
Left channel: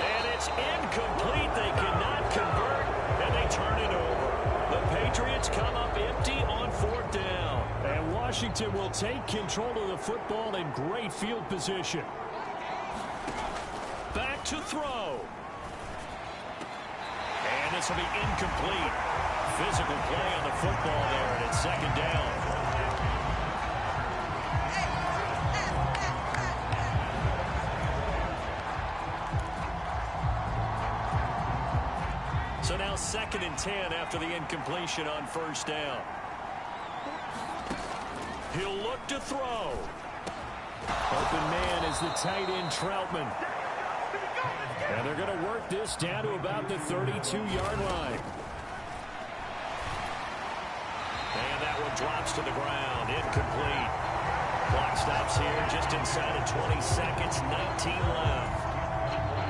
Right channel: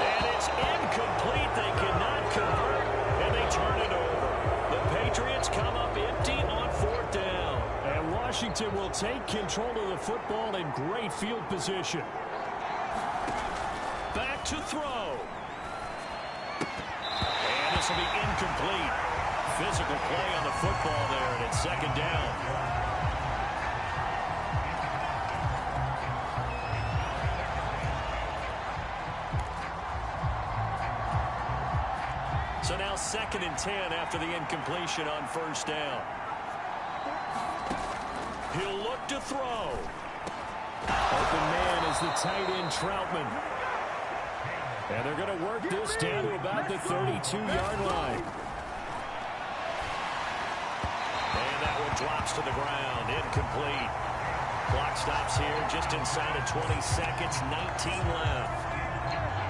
And it's incomplete. They cannot convert, and they turn it over. The Patriots come up empty on fourth down. And Washington will take control of the football in great field position. Back to throw. And this will be incomplete. Physical play on the football there, and it's second down. So now 2nd and 10 after the incompletion on first down. He'll look to throw. Open man is the tight end Troutman. And they're going to work this down to about the 32-yard line. And that one drops to the ground. Incomplete. Clock stops here just inside of 20 seconds. 19 left.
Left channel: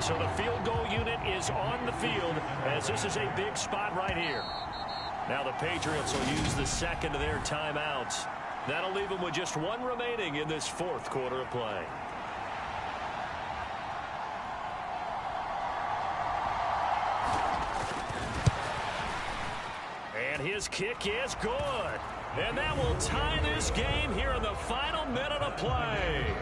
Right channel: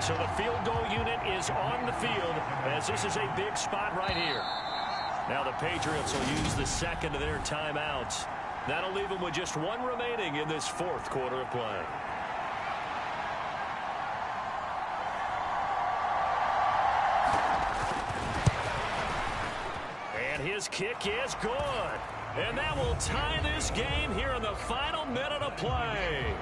So the field goal unit is on the field as this is a big spot right here. Now the Patriots will use the second of their timeouts. That'll leave them with just one remaining in this fourth quarter of play. And his kick is good. And that will tie this game here in the final minute of play.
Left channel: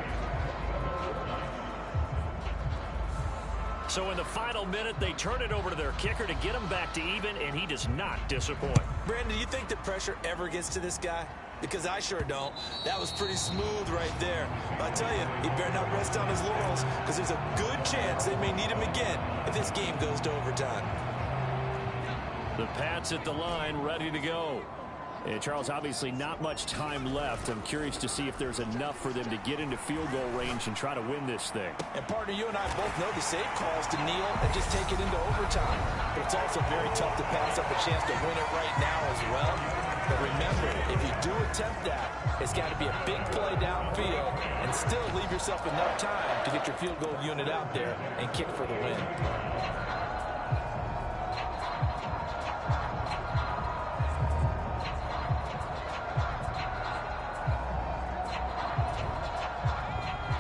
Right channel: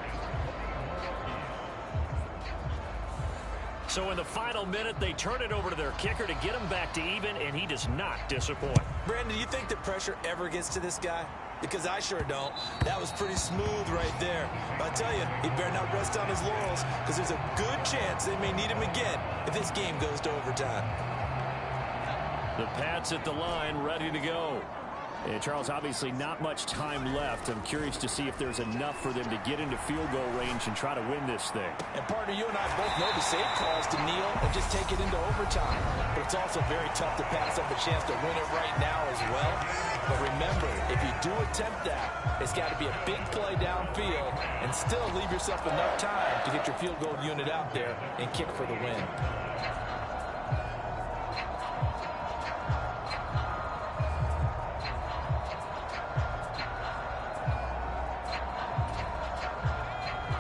So in the final minute, they turn it over to their kicker to get him back to even, and he does not disappoint. Brandon, do you think the pressure ever gets to this guy? Because I sure don't. That was pretty smooth right there. But I tell you, he better not rest on his laurels because there's a good chance they may need him again if this game goes to overtime. The Pats at the line, ready to go. And Charles, obviously not much time left. I'm curious to see if there's enough for them to get into field goal range and try to win this thing. And partner, you and I both know the save calls to kneel and just take it into overtime. But it's also very tough to pass up a chance to win it right now as well. But remember, if you do attempt that, it's got to be a big play downfield and still leave yourself enough time to get your field goal unit out there and kick for the win.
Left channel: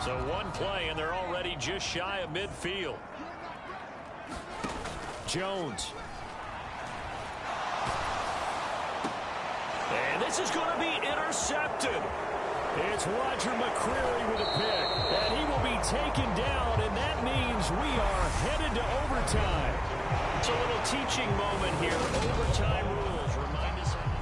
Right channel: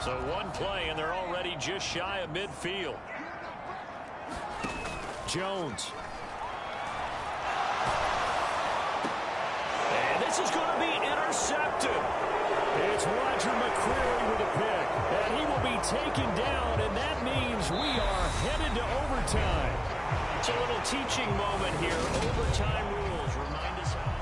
So one play, and they're already just shy of midfield. Jones. And this is going to be intercepted. It's Roger McCreary with a pick. And he will be taken down, and that means we are headed to overtime. It's a little teaching moment here. Overtime rules. Remind us how.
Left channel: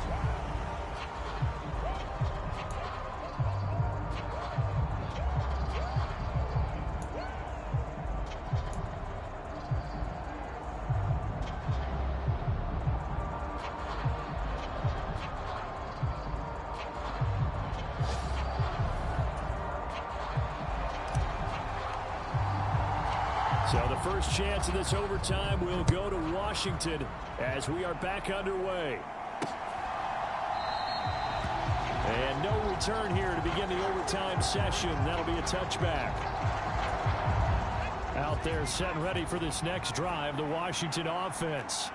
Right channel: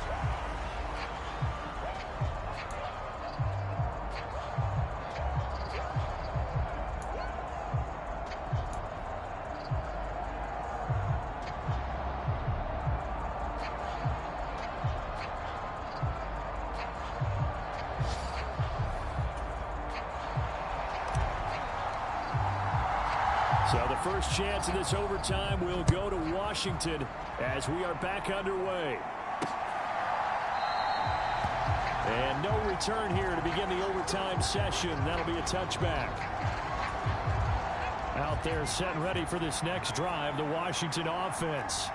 So the first chance of this overtime will go to Washington as we are back underway. And no return here to begin the overtime session. That'll be a touchback. Out there set and ready for this next drive, the Washington offense.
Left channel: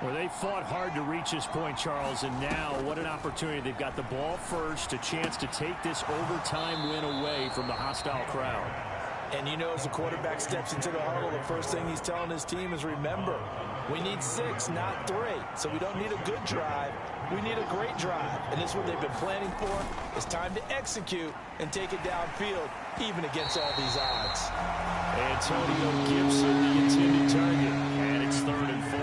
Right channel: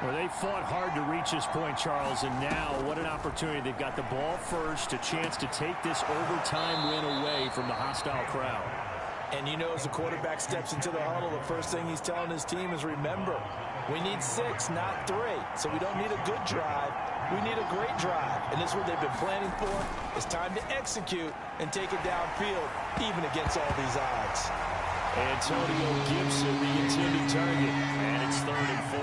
Well, they fought hard to reach this point, Charles, and now what an opportunity. They've got the ball first, a chance to take this overtime win away from the hostile crowd. And you know, as the quarterback steps into the huddle, the first thing he's telling his team is, remember, we need 6, not 3. So we don't need a good drive. We need a great drive. And this is what they've been planning for. It's time to execute and take it downfield, even against all these odds. Antonio Gibson, the intended target. And it's 3rd and 4.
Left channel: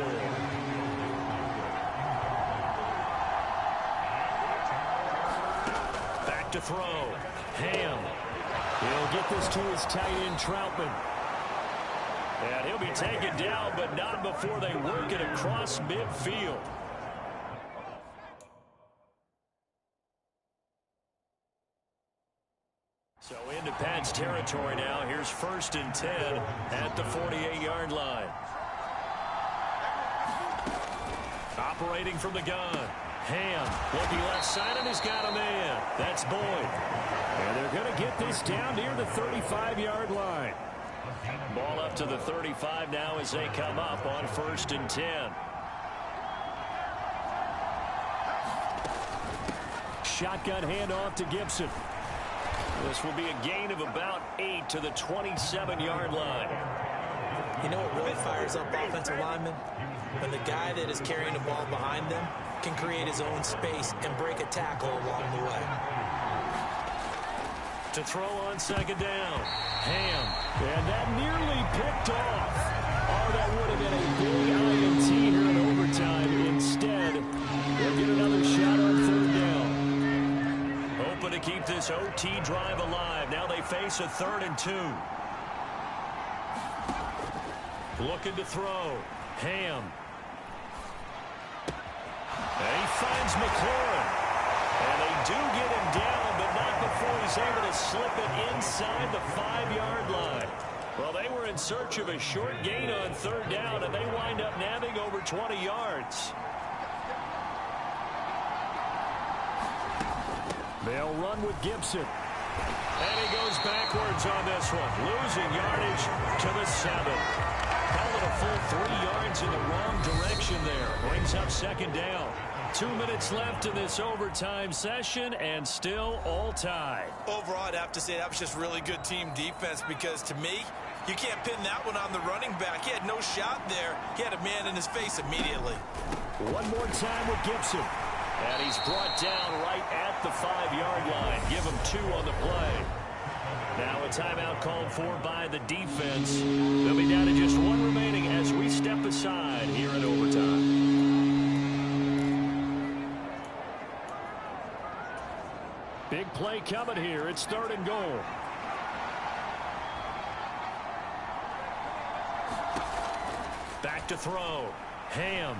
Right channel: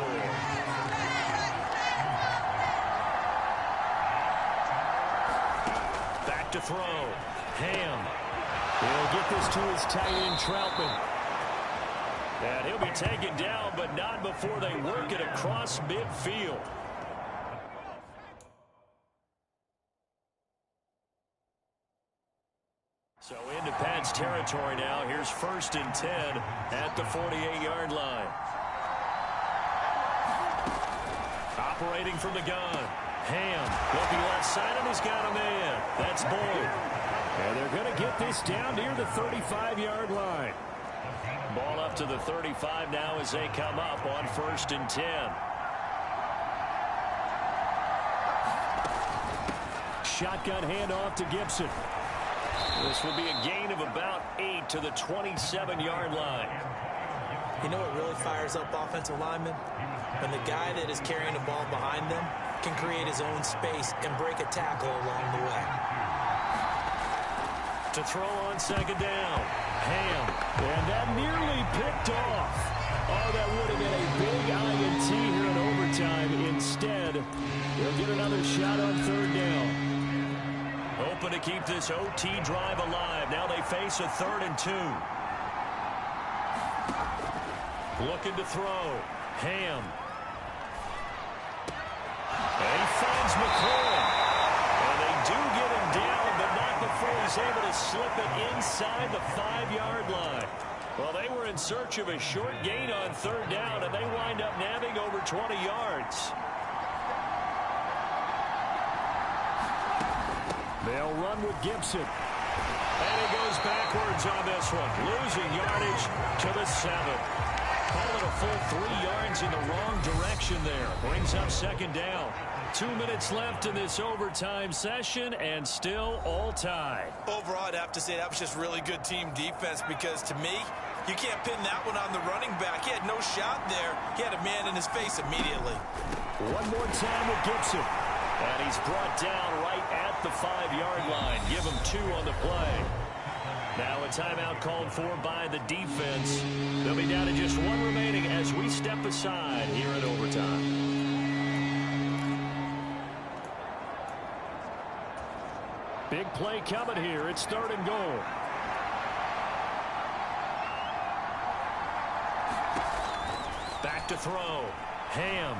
Back to throw. Ham. He'll get this to his tight end, Troutman. And he'll be taken down, but not before they work it across midfield. So into Pat's territory now. Here's 1st and 10 at the 48-yard line. Operating from the gun. Ham looking left side, and he's got a man. That's Boyd. And they're going to get this down near the 35-yard line. Ball up to the 35 now as they come up on 1st and 10. Shotgun handoff to Gibson. This will be a gain of about 8 to the 27-yard line. You know what really fires up offensive linemen? When the guy that is carrying the ball behind them can create his own space and break a tackle along the way. To throw on 2nd down. Ham. And that nearly picked off. Oh, that would have been a big INT here in overtime. Instead, they'll get another shot on 3rd down. Hoping to keep this OT drive alive. Now they face a 3rd and 2. Looking to throw. Ham. And he finds McLaurin. And they do get him down, but not before he's able to slip it inside the 5-yard line. Well, they were in search of a short gain on 3rd down, and they wind up nabbing over 20 yards. They'll run with Gibson. And he goes backwards on this one, losing yardage to the 7. Call it a full 3 yards in the wrong direction there. Brings up 2nd down. 2 minutes left in this overtime session, and still all tied. Overall, I'd have to say that was just really good team defense, because to me, you can't pin that one on the running back. He had no shot there. He had a man in his face immediately. One more time with Gibson. And he's brought down right at the 5-yard line. Give him 2 on the play. Now a timeout called for by the defense. They'll be down to just 1 remaining as we step aside here in overtime. Big play coming here. It's 3rd and goal. Back to throw. Ham.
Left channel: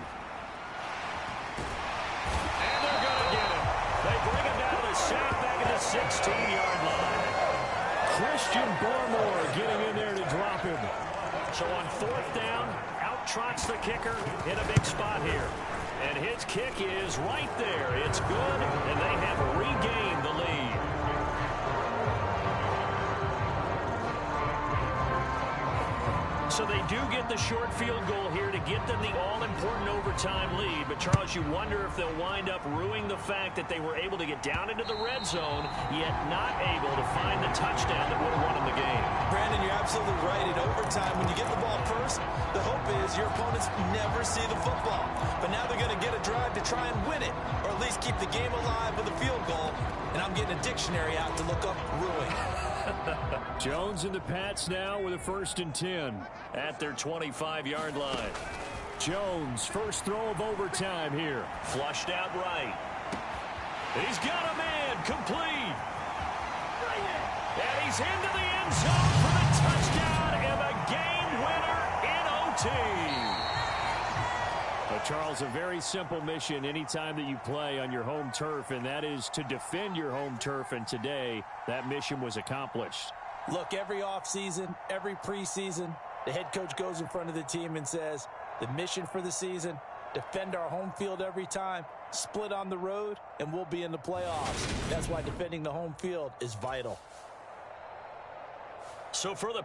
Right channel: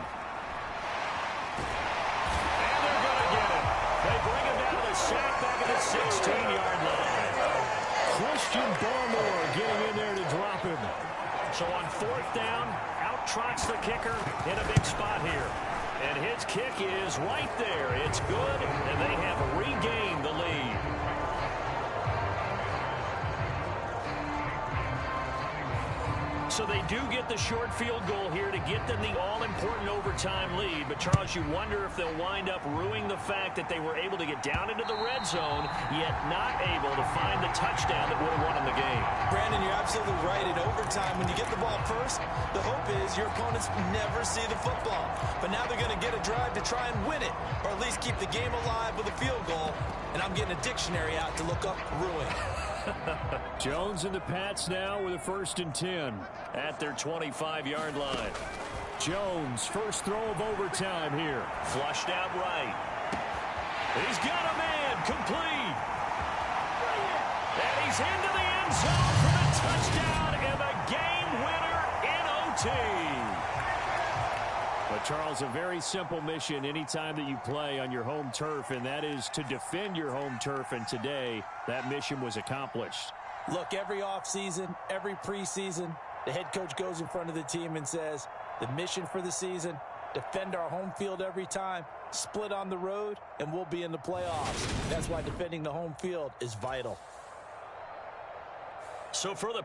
And they're going to get him. They bring him down to the sack back at the 16-yard line. Christian Barmore getting in there to drop him. So on 4th down, out trots the kicker in a big spot here. And his kick is right there. It's good, and they have regained the lead. So they do get the short field goal here to get them the all-important overtime lead. But, Charles, you wonder if they'll wind up ruining the fact that they were able to get down into the red zone, yet not able to find the touchdown that would have won them the game. Brandon, you're absolutely right. In overtime, when you get the ball first, the hope is your opponents never see the football. But now they're going to get a drive to try and win it, or at least keep the game alive with a field goal. And I'm getting a dictionary out to look up ruin. Jones and the Pats now with a 1st and 10 at their 25-yard line. Jones, first throw of overtime here. Flushed out right. He's got a man, complete. And he's into the end zone for the touchdown and the game winner in OT. But, Charles, a very simple mission anytime that you play on your home turf, and that is to defend your home turf. And today, that mission was accomplished. Look, every offseason, every preseason, the head coach goes in front of the team and says, the mission for the season, defend our home field every time, split on the road, and we'll be in the playoffs. That's why defending the home field is vital. So for the